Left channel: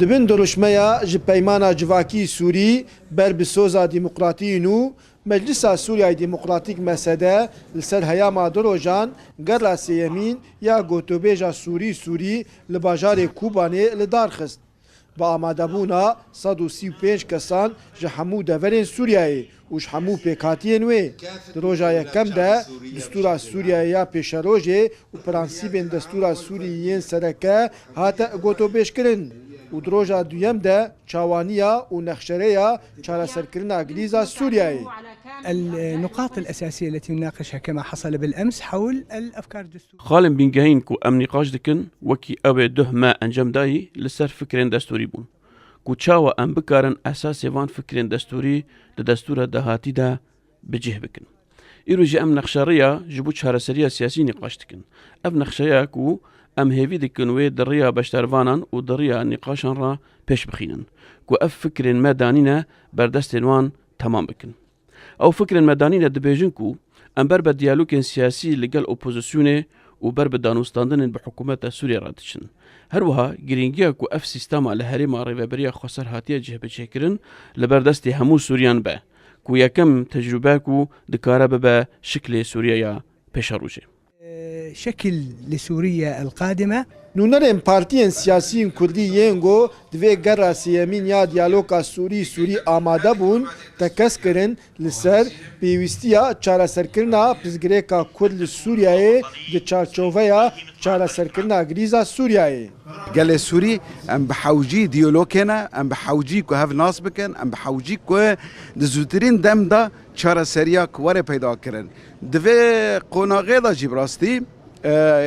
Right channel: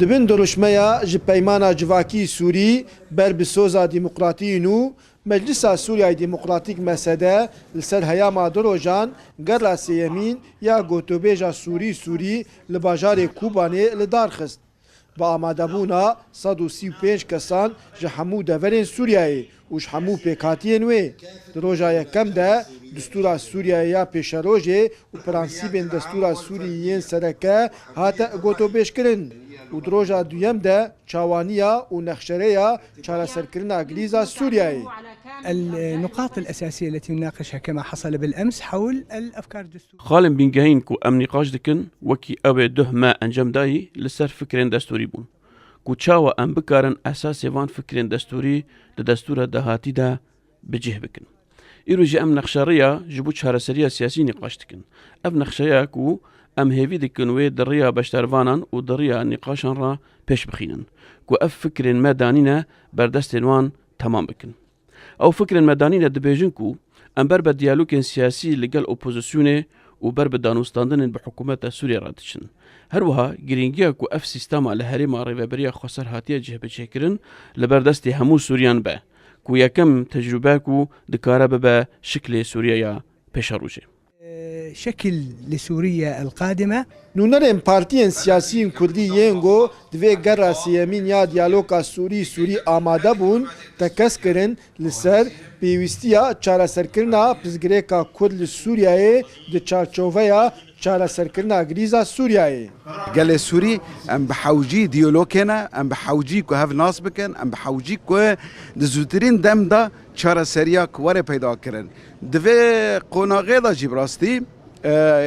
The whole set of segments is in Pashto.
دبن دروشمەیە ji peymana civakî Sûrî ber bi soza demokratî nû Meclisa Sûriyayê Demokratîk mesede li ser heyama du rojan gera sêyemîn ya gotûbêja Sûrî li bajarê Kubanê li dar xist. Bi amadebûna 135 kesan ji hemû deverên Sûriyayê û ji hemû pêkhatiyên wê. Di roja yekem de Distûra Sûriyayê ya pêşerojê û prensîbên Destûra Sûrî yên sereke hate gotûbêjkirin. و دروجا دویم ده چاوانيا ونخشريا چارەسەرکردنا گریزا سوریایê. النقاط الأساسية التي نناقشها كما حصل بالأمس حول الأفكار الدستورية. خالم بينجهين كو أم نقاش دكن وكي أوي ده ما أنجم داي لسر فكرين دستوري بون. كو چاوا أم بكارن أساس وان فكرين دستوري لدستورة دهاتي ده بجه بكن. إيرو جي أم نخشريا جبو چارەسەریya سياسي نقاش دكن. أم نخشريا كو ام هیوی دکن و دریا بشتروانان و دریا نقاشان را پیش بخینن کو اف فکر مدانینا بردست وان تمام بکن او فکر مدانینا دبیجن کو ام بر به دیالوگ سیاسی لگل اپوزیسیون و بر به دانوستاندن به حکومت سوریه را دشن هر وها گرینگیا کو اف سیستم له هرم ریوبریا خسر هاتیه جهه بچکرن لبردست همو سوریان به کو یکم تجربه کو دکاره به شکل سوریه پیش روشه شكل لسوريا القادمة نونرên partiyên siyasî Kurdî yên got divê gera sêyemîn ya diyaloga Sûrî amade bûn tekez kirin li ser pêwîstiya çareserkirina pirzgirêka Kurd li Sûriyayê di çarçoveya çareserkirina grîza Sûriyayê. Gelê Sûrî em bi hewcî diyalogêne em bi hewcî ku hev nas bikin em bi hewcî ku di zûtirîn dem da çareseriya ku were peyda kirin. Divê qonaqê da jî bi rastî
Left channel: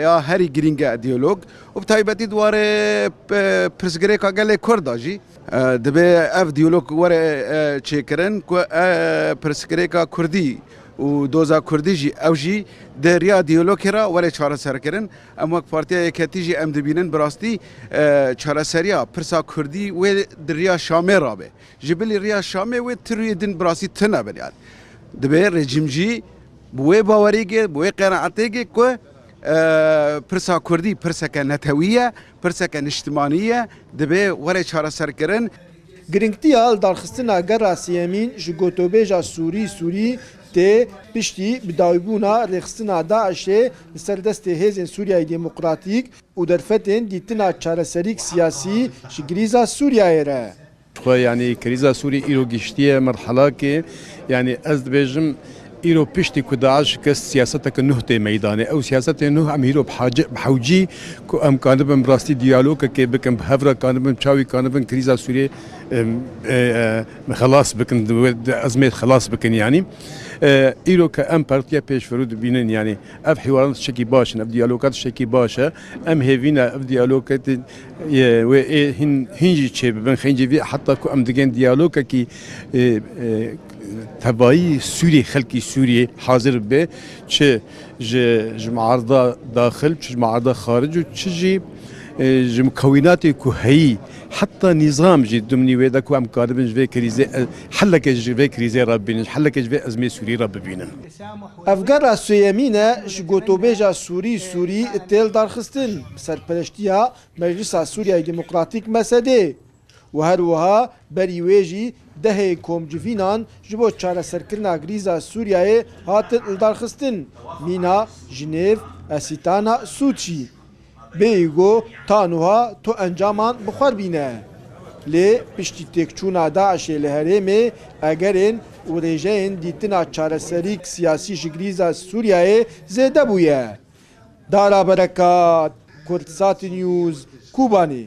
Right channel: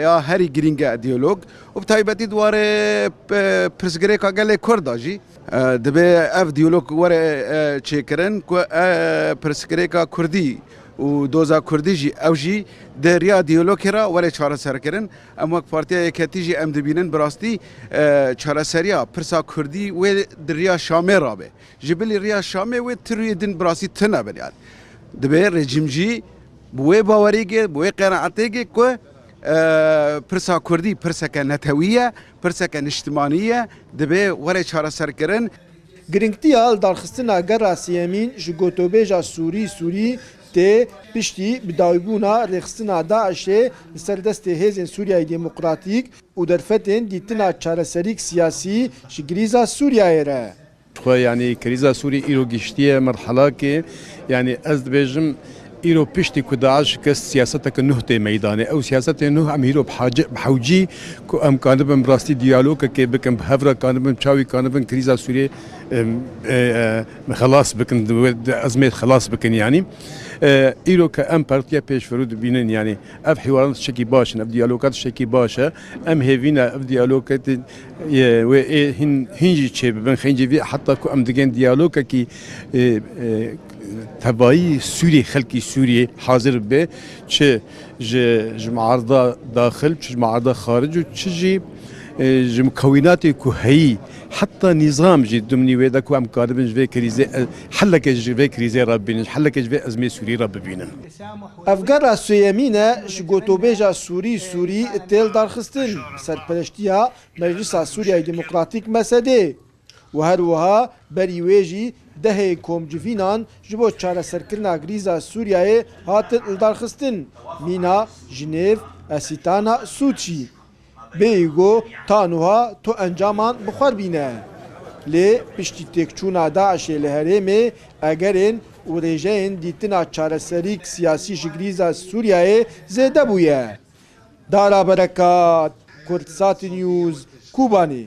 یا هری گرینگ دیالوگ و بتایبەتی دواره پرسگرێکا gelê Kurda jî dibe ev diyalog were çêkirin ku pirsgirêka Kurdî û doza Kurdî jî ew jî di riya diyalogê ra were çareserkirin em wek Partiya Yeketî jî em dibînin bi rastî çareseriya pirsa Kurdî wê di riya Şamê rabe ji bilî riya Şamê wê tirûyê din bi rastî tune bin yani dibe rejim jî bi wê bawerîgê bi wê qenaetêgê ku پرسا کردی پرسکه نتویه پرسکه نشتمانیه دبی وره چاره سرکرن گرنگتیا دارخستنا گرا سیمین ji gotûbêja Sûrî tê piştî bi dawîbûna rêxistina Daişê li ser destê hêzên Sûriyayê Demokratîk û derfetên dîtina çareserîk siyasî ji grîza Sûriyayê re. Yani kriza Sûrî îro giştiye merhelakê yani ez dibêjim إيرو بيشتي كداعش كس سياستك نهتة ميداني أو سياسة نه أم هيرو بحوجي كو أم كانبن براستي ديالوج كي بكن بهفرة كانبن شاوي كانبن كريزا سوريا خلاص بكن أزمة خلاص بكن يعني إيرو كأم بارتيا بيش فرود بينن يعني أف حوارات شكي باشن أف ديالوجات شكي باشة أم هيفينا أف ديالوجات هنجي شيء بن خنجي في حتى كو أم دجن ديالوج كي تبعي سوري خلقي سوري حاضر به چه معارضة داخل چه معارضة خارج وچه جي مكونات كهي حتى نظام جي دمني ويدا كو ام قادبن جوي كريزه حلك جوي كريزه ربين حلك جوي ازمه سوري ربين افغان سويمينه جوتوبيجا سوري تيل دارخستن سرپرشتيا مجلس سوريا ديمقراطيك مسدي وهروها بريويجي دهه کومجوینان جبو چارەسەرکردنا گریزا سوریایê hatin ildarxistin mîna Jinêv Esîtana Sûçî bêyîgo tanûha to encaman bixwar bîne lê piştî têkçûna Daişê li herêmê egerên û rêjeyên dîtina çareserîk siyasî ji grîza Sûriyayê zêde bûye. Dara Berekat, Kurdsat News, Kubanê.